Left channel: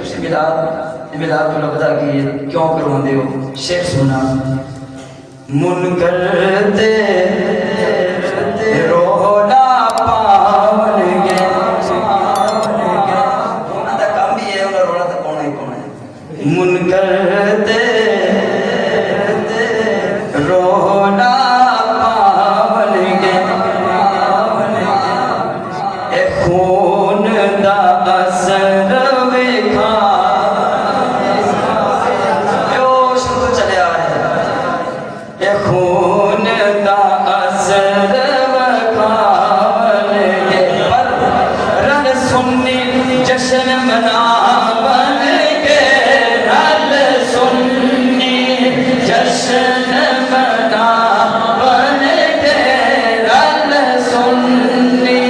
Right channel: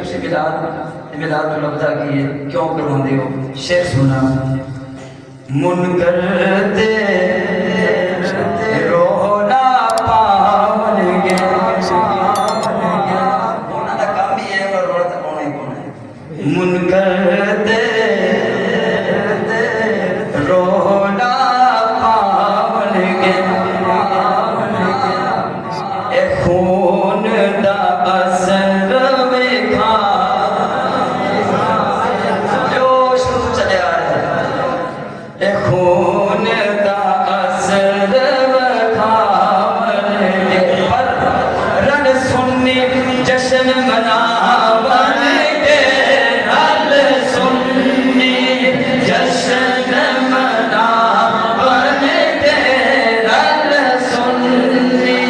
تسی ملاد تو لگتا کی ہے کیوں کروں دے ہو شعر سننا منکر دے رونا پاون گیا انہاں دا کام بھی ہے انہاں رونا تے پاؤنا ہی پاؤنا ہے منکر دے رونا پاون گیا اے خون دا اثر ویکھا خون دا اثر وکھاون گے پر رن سنی جشن مناون گے رن سنی جشن مناون گے رن سنی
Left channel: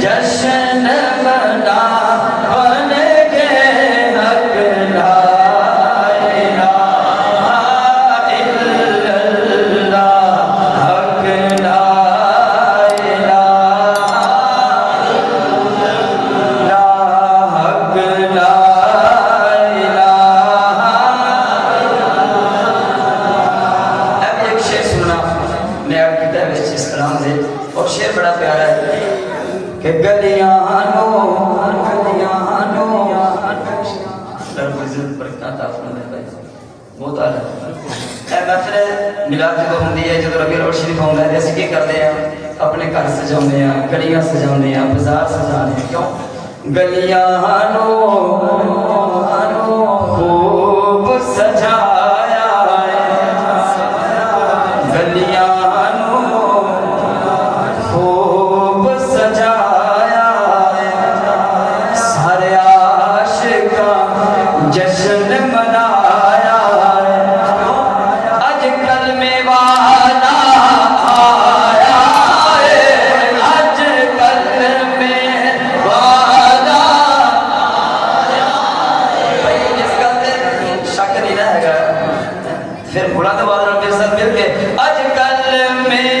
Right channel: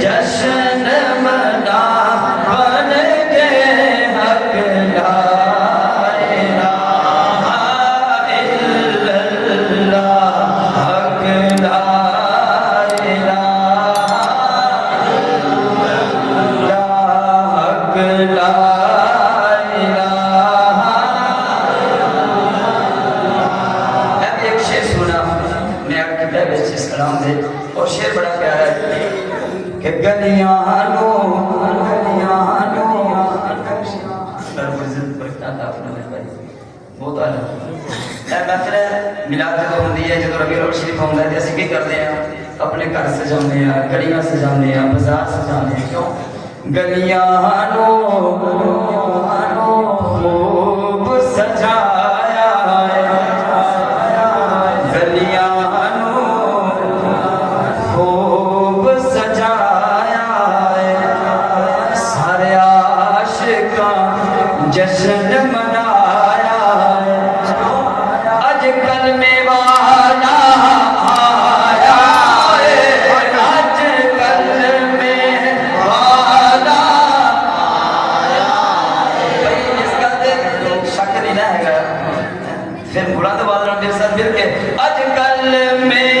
جشن مناون گے حق لا اور شعر بڑا پیارا ہے کہ گلیاں نو رب عزت برکات آفنا میں بھائی بہت آلہ اے محفل ملاد جو ہوندی ہے جدو ربیع الاول شریف ہوندا ہے تے اسی کی کردے ہیں اپنے گھر سجاونے ہیں گلیاں سجاونے ہیں بازار سجانے ہیں کیوں گلیاں نو خوب سجایا ہے گلیاں خوب سجایا ہے سارے عاشقاں جشن منایا ہے اج کل میں والا آیا ہے اج کل میں والا آیا ہے اس کا شک نہیں رہے گا پھر بلند آواز میں میرے ساتھ مل کے اج کل میں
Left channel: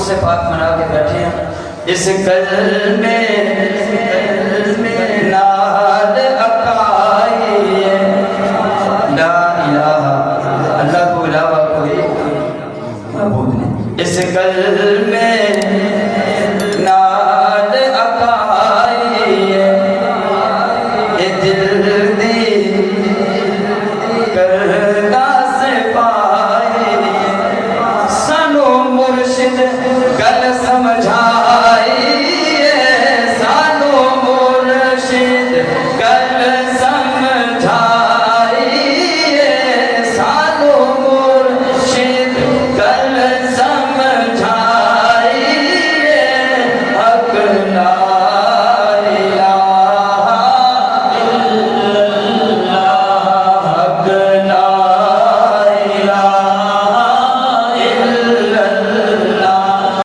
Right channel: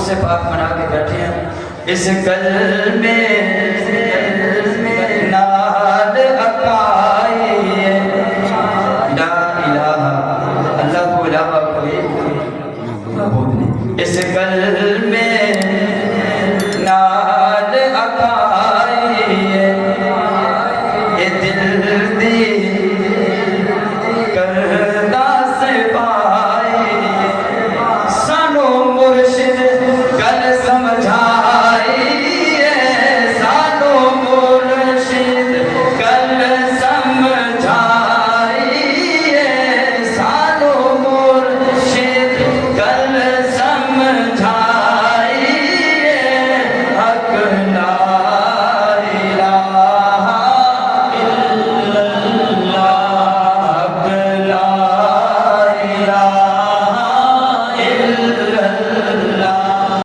سے پاک منا کے بیٹھے ہیں اس گل میں نال اکائی لا الہ اللہ کو علاوہ کوئی معبود نہیں اس گل میں نال اکائی اے دل دی کر